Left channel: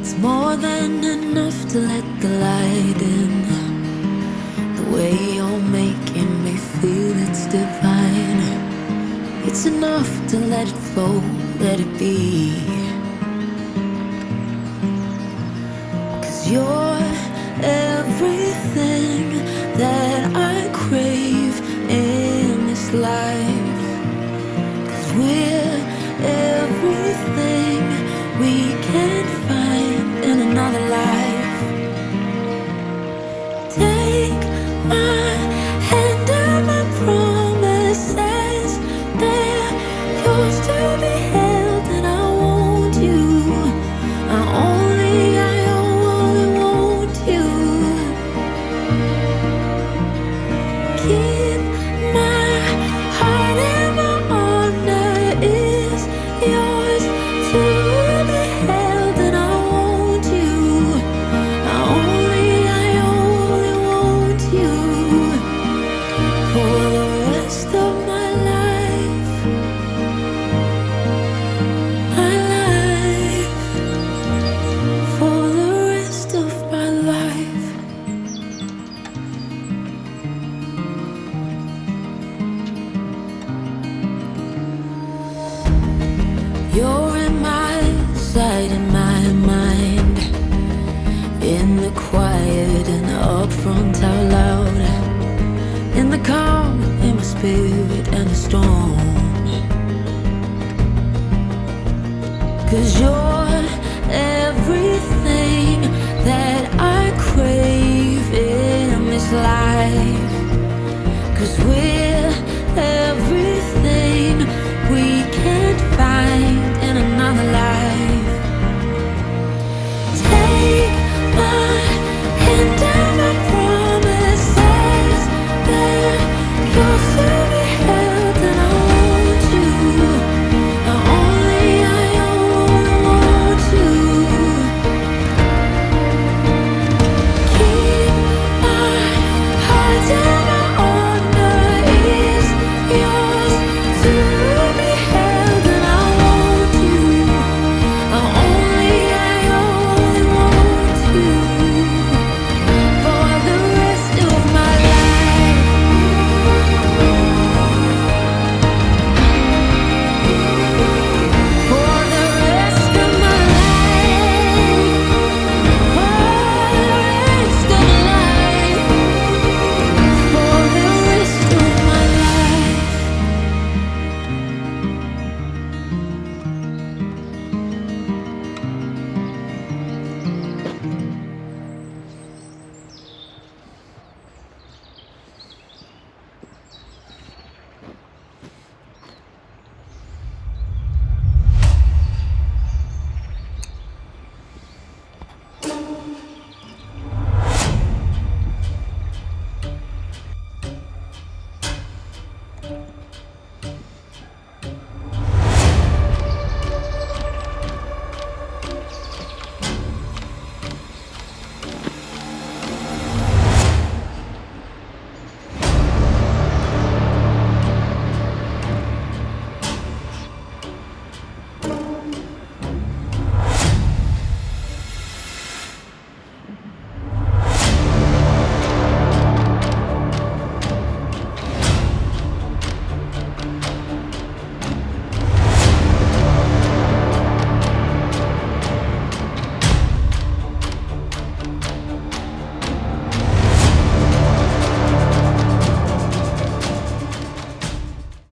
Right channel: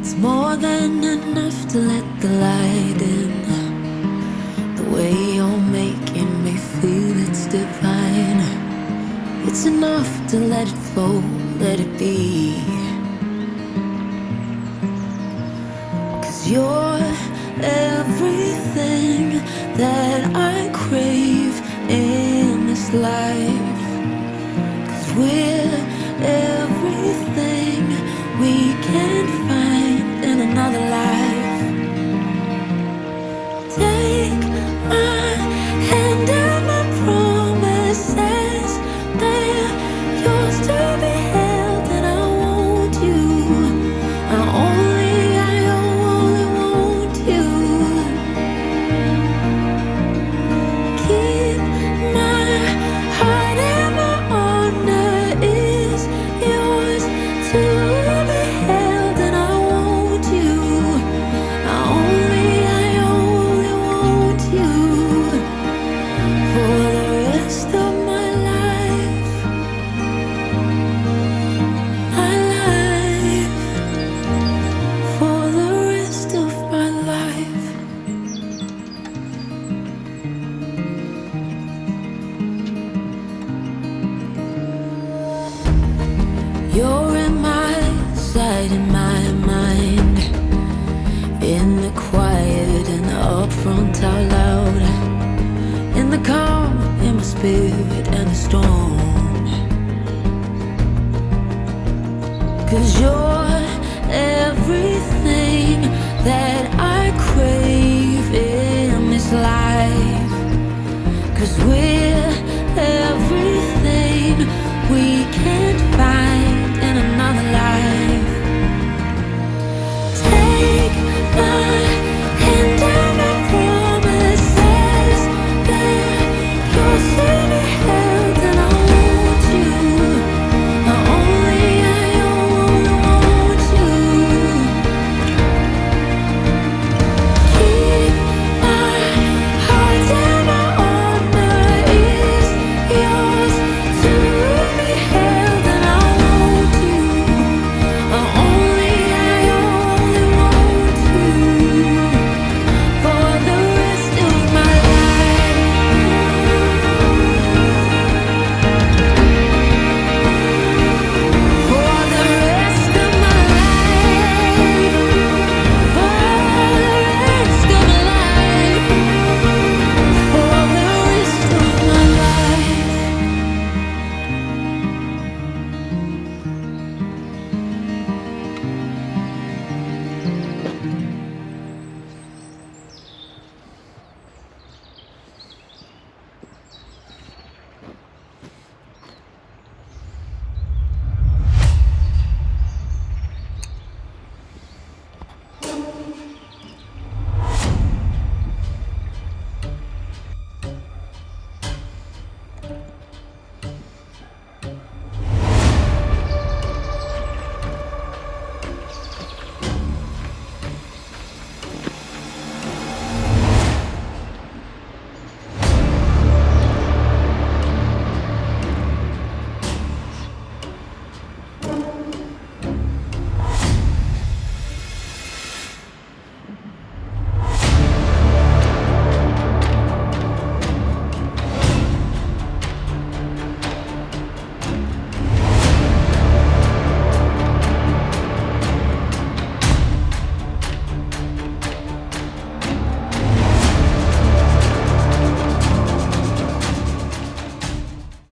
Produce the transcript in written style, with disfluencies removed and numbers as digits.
It's more than enough to let the light in. The way you're making me feel, it's divine. It's enough to let it flow, let it be. 'Cause you're everything that I crave in this life. 'Cause we're everything we can find in another life. Take my hand and my promises, they're yours to be held, and I want you. I only want you. Keep my heart and my honor is yours to be held, and I want you. I only want you for the rest of my life. My life, for the rest of my life. You're in my sight, in my mind, in the quiet and up front out loud, in the calm, in my spirit and the storm. 'Cause you're everything that I crave in this life. 'Cause we're